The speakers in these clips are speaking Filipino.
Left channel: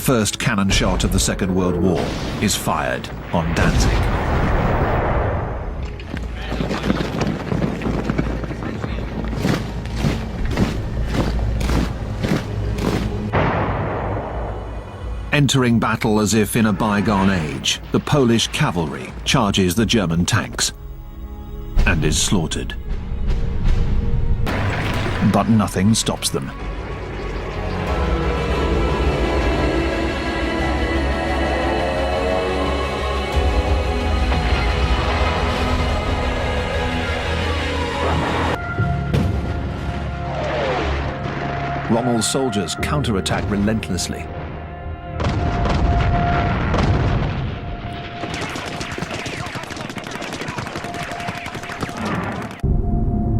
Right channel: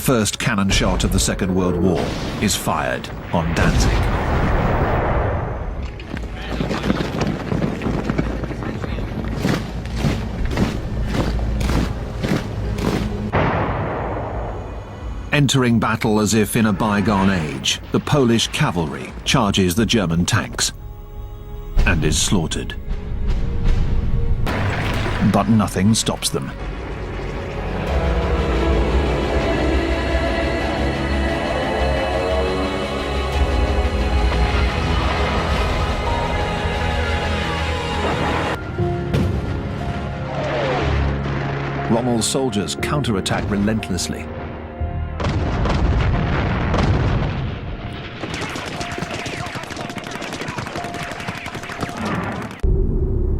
first cannon shot of the Second World War is fired on Danzig. Entering battle as if in a bygone age, the Polish cavalry charges the German tanks and is slaughtered. But nothing stops them. Rommel's soldiers counterattack relentlessly.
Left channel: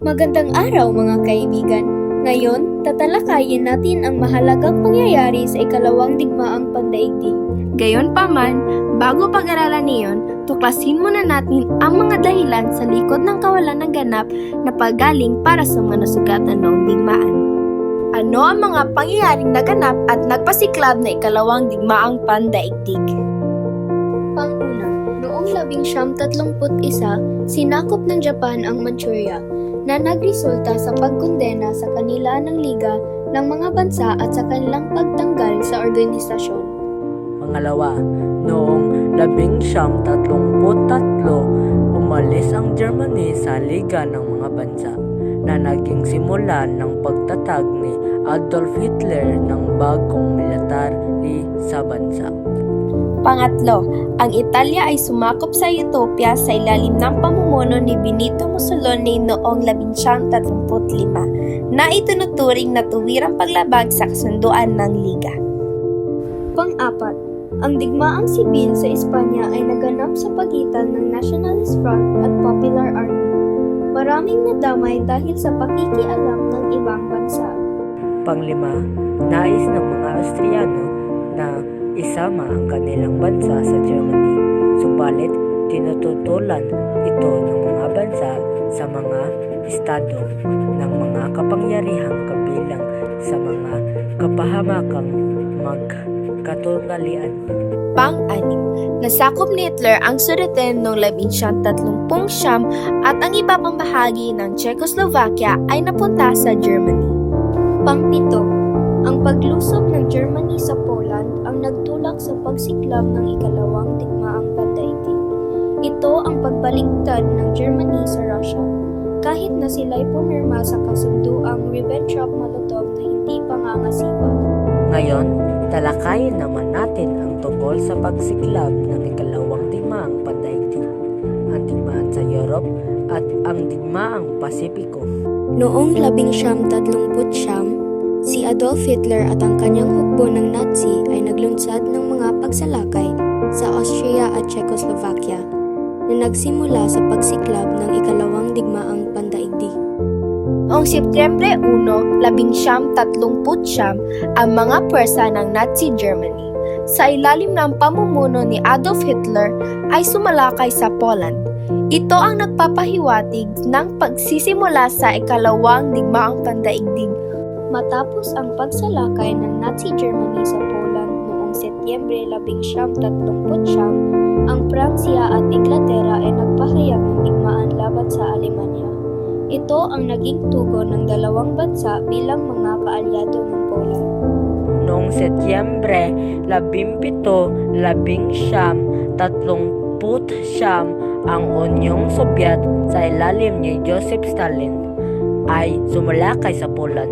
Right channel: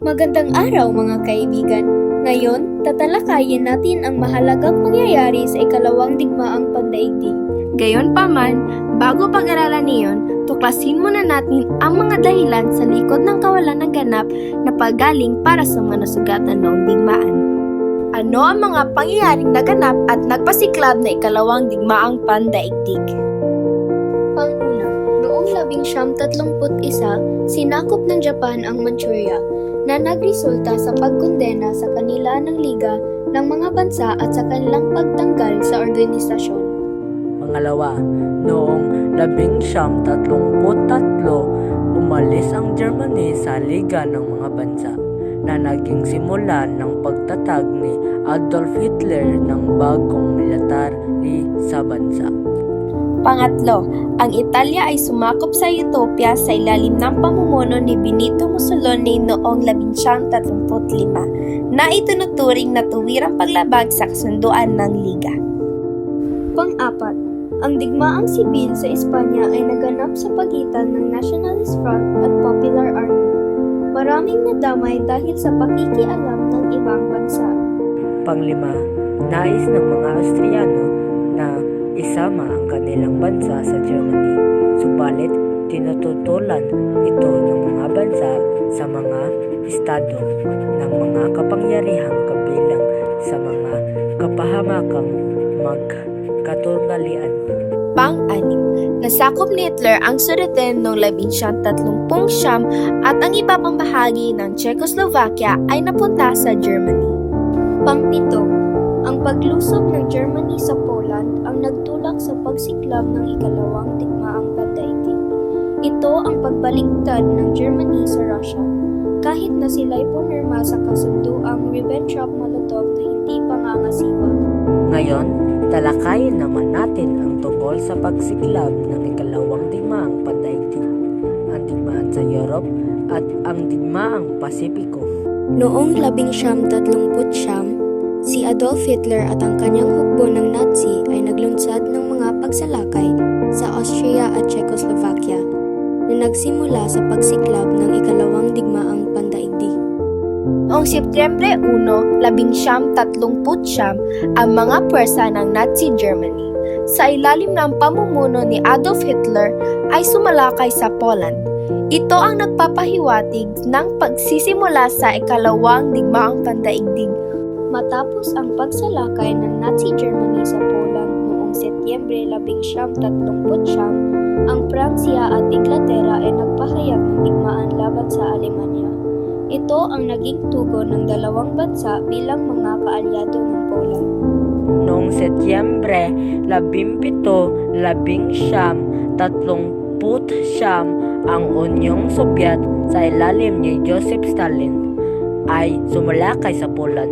Magandang araw mga kaibigan. Ngayon, tatalakayin natin ang mahalagang pangyayari sa ikalawang digmaang pandaigdig. Gayon pa man, bago pag-aralan niyon, tuklasin muna natin ang mga dahilan sa likod ng kawalan ng ganap na paggaling para sa mga nasugatan noong digmaan. Ano ang mga pangyayaring naganap at nagpasiklab na ikalawang digmaang pandaigdig? Panguna, noong labing siyam tatlumput isa, sinakop ng Japan ang Manchuria na nagresulta sa pagkondena sa kanila ng Liga ng mga bansa at sa kanilang pagtanggal sa organisasyon. Pangalawa, noong labing siyam tatlumput tatlo, umalis ang Germany sa Liga ng mga bansa na naging simulan ng pagtatag ni Adolf Hitler ng bagong military sa bansa. Pangatlo, ang Italia ay sumakop sa Ethiopia sa ilalim ng pamumuno ni Benito Mussolini noong 1935 na itinuturing na tuwirang paglabag sa kasunduan ng Liga. Pang-apat, ang digmaang sibil sa Espanya ay naganap sa pagitan ng Nationalist Front at Popular Army. Maraming nadamay dahil sa pakikialam ng ibang bansa. Panglima, nais ng mga Austriano na isama ang kanilang bansa sa Germany. Subalit, tinututulan ito ng mga bansa sa mga estado ng mga kapangyarihang kabilang sa mga kapahamakang magkatungalian. Nasakop ni Hitler ang Sudeten noong 1930 siyam at ang iba pang bahagi ng Czechoslovakia ay napunta sa Germany. Pangpito, ang paglusob ng Germany sa Poland ang nagtulak sa pagsiklab ng ikalawang digmaang pandaigdig. Ito ang pagbaliktad ng Germany sa Russia, kahit na sila'y pumirma sa kasunduang Ribbentrop-Molotov na hindi pangangasiwa. Ngayon, talakayin naman natin ang tungkol sa pagsiklab ng ikalawang digmaang pandaigdig, ang digmaan sa Europe at ang digmaang Pasipiko. Noong labing siyam tatlumput siyam, si Adolf Hitler at ang kanyang hukbo ng Nazi ay naglunsad ng mga pagsalakay sa Austria at Czechoslovakia na nagsimula sa pagsiklab ng ikalawang digmaang pandaigdig. Noong Setyembre 1, 1939, ang mga pwersa ng Nazi Germany sa ilalim ng pamumuno ni Adolf Hitler ay sumalakay sa Poland. Ito ang nagpapahiwatig ng pagsisimula sa ikalawang digmaang pandaigdig. Matapos ang pagsalakay ng Nazi Germany sa Poland noong Setyembre 1939, ang Pransya at Inglaterra ay nagpahayag ng digmaan laban sa Alemanya. Ito ang naging tugon ng dalawang bansa bilang mga kaalyado ng Poland. Noong Setyembre 17, 19, 30 ang Unyong Sobyet sa ilalim ni Joseph Stalin ay sumalakay sa Poland.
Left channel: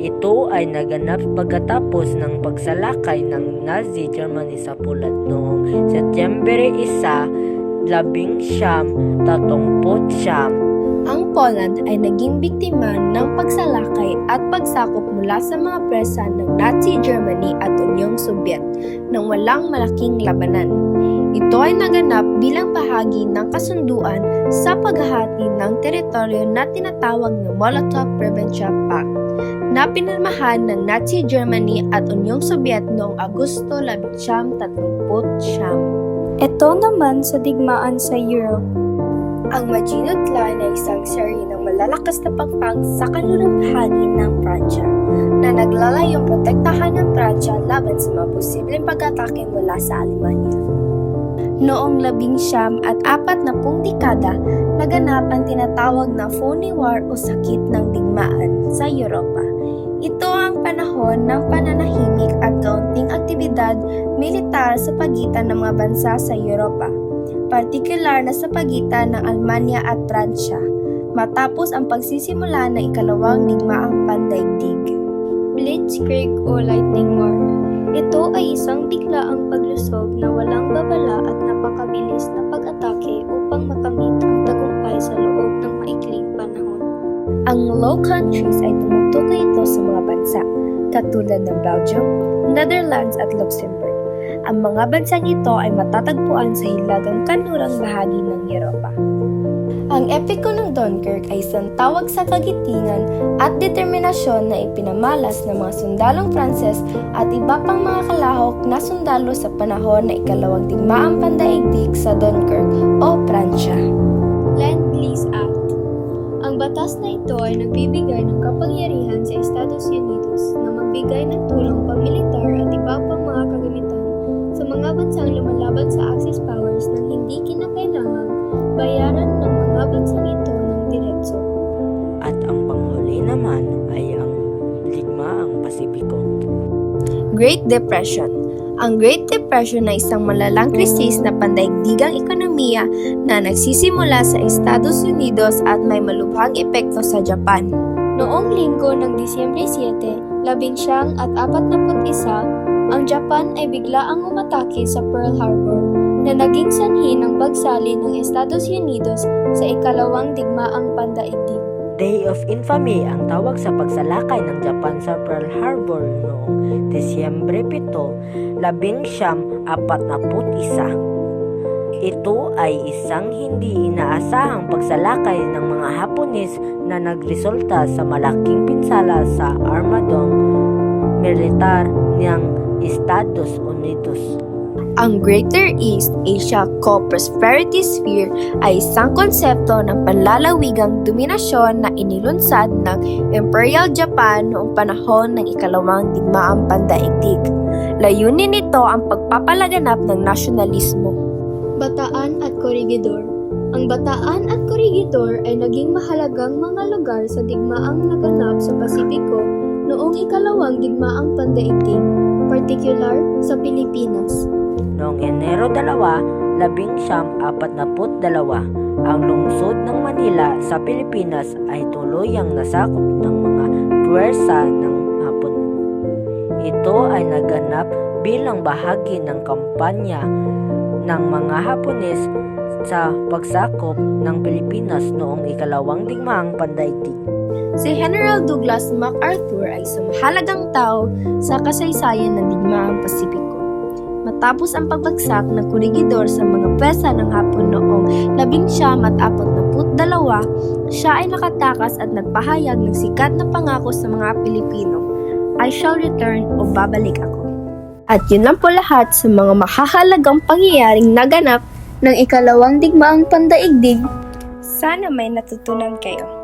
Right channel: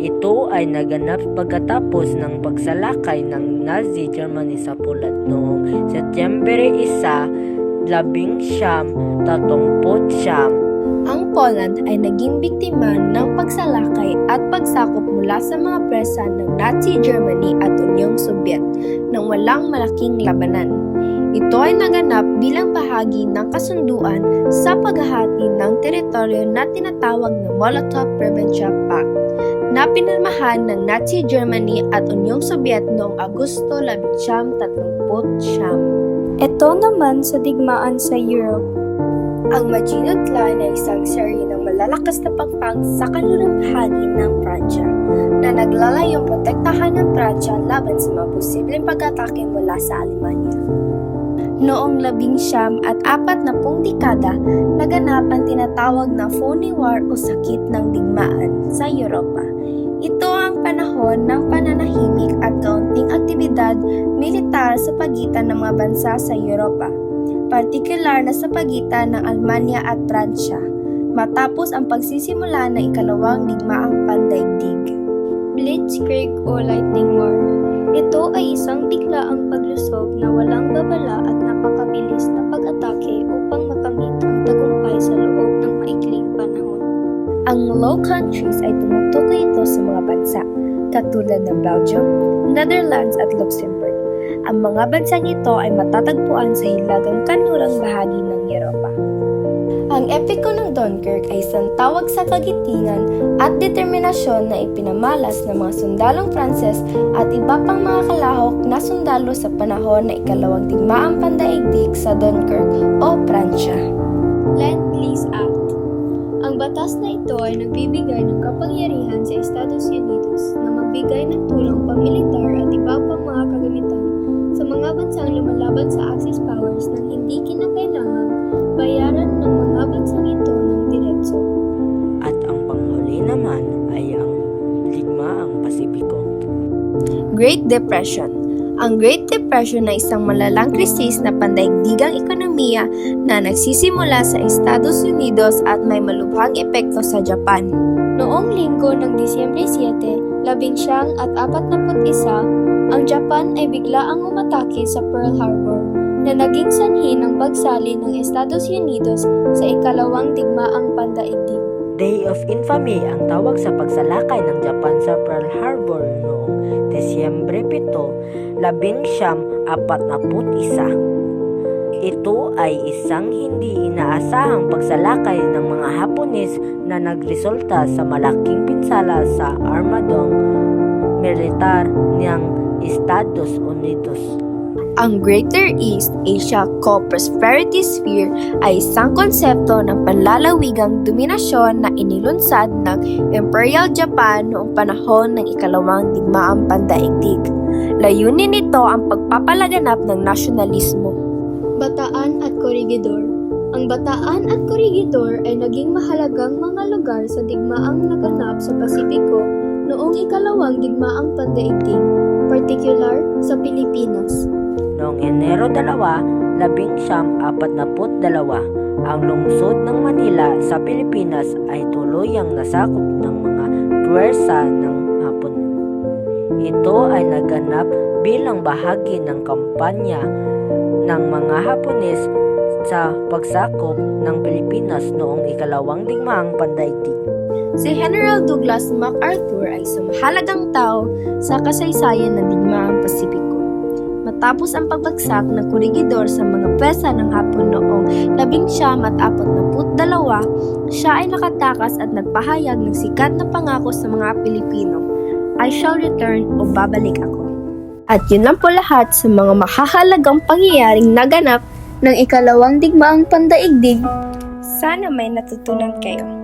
Ito ay naganap pagkatapos ng pagsalakay ng Nazi Germany sa Poland noong Setyembre 1, 19, 30 Ang Poland ay naging biktima ng pagsalakay at pagsakop mula sa mga presa ng Nazi Germany at Unyong Sobyet nang walang malaking labanan. Ito ay naganap bilang bahagi ng kasunduan sa paghahati ng teritoryo na tinatawag na Molotov-Ribbentrop Pact na pinirmahan ng Nazi Germany at Unyong Sobyet noong Agosto 1939. Ito naman sa digmaan sa Europe. Ang Maginot Line ay isang serye ng malalakas na pagpang sa kanlurang bahagi ng Pransya na naglalayong protektahan ng Pransya laban sa mga posibleng pag-atake mula sa Alemanya. Noong labing siyam at apat na pung dekada, naganap ang tinatawag na phony war o sakit ng digmaan sa Europa. Ito ang panahon ng pananahimik at kaunting aktibidad militar sa pagitan ng mga bansa sa Europa partikular na sa pagitan ng Almanya at Pransya, matapos ang pagsisimula ng ikalawang digmaang pandaigdig. Blitzkrieg o Lightning War. Ito ay isang biglaang paglusob na walang babala at napakabilis na pag-atake upang makamit ang tagumpay sa loob ng maikling panahon. Ang Low Countries ay tumutukoy ito sa mga bansa, katulad ng Belgium, Netherlands at Luxembourg. Ang mga bansang ito ay matatagpuan sa hilagang kanurang bahagi ng Europa. Ang epiko ng Dunkirk ay isang tawag sa kagitingan at determinasyon na ipinamalas ng mga sundalong Pranses at iba pang mga kalahok na sundalo sa panahon na ikalawang digmaang pandaigdig sa Dunkirk o Pransya. Land-Lease Act Ang batas na ito ay nagbibigay ng kapangyarihan sa Estados Unidos na magbigay ng tulong pamilitar at iba pang mga kagamitan sa mga bansang lumalaban sa Axis powers nang hindi kinakailangang bayaran ng mga bansang ito ng diretso. At ang panghuli naman ay ang Digmaang Pasipiko. Great Depression Ang Great Depression ay isang malalang krisis na pandaigdigang ekonomiya na nagsisimula sa Estados Unidos at may malubhang epekto sa Japan. Noong linggo ng Disyembre 7, labing siyang at apat na isa, ang Japan ay biglaang umatake sa Pearl Harbor na naging sanhi ng pagsali ng Estados Unidos sa ikalawang digmaang pandaigdig. Day of Infamy ang tawag sa pagsalakay ng Japan sa Pearl Harbor noong Desyembre 7, labing siyam, apat na put isa. Ito ay isang hindi inaasahang pagsalakay ng mga Hapones na nagresulta sa malaking pinsala sa armadong militar ng Estados Unidos. Ang Greater East Asia Co-Prosperity Sphere ay isang konsepto ng panlalawigang dominasyon na inilunsad ng Imperial Japan noong panahon ng ikalawang digmaang pandaigdig. Layunin nito ang pagpapalaganap ng nasyonalismo. Bataan at Corregidor Ang Bataan at Corregidor ay naging mahalagang mga lugar sa digmaang naganap sa Pasipiko noong ikalawang digmaang pandaigdig, particular sa Pilipinas. Noong Enero 2, labing siyam, apat na put dalawa, ang lungsod ng Manila sa Pilipinas ay tuluyang nasakop ng mga puwersa ng Hapon. Ito ay naganap bilang bahagi ng kampanya ng mga Hapones sa pagsakop ng Pilipinas noong ikalawang digmaang pandaigdig. Si General Douglas MacArthur ay isang mahalagang tao sa kasaysayan ng digmaang Pasipiko. Matapos ang pagbagsak ng kurigidor sa mga pwesa ng Hapon noong 1942, siya ay nakatakas at nagpahayag ng sikat na pangako sa mga Pilipino, I shall return o babalik ako. At yun lang po lahat sa mga mahahalagang pangyayaring naganap Ng ikalawang digmaang pandaigdig, Sana may natutunan kayo.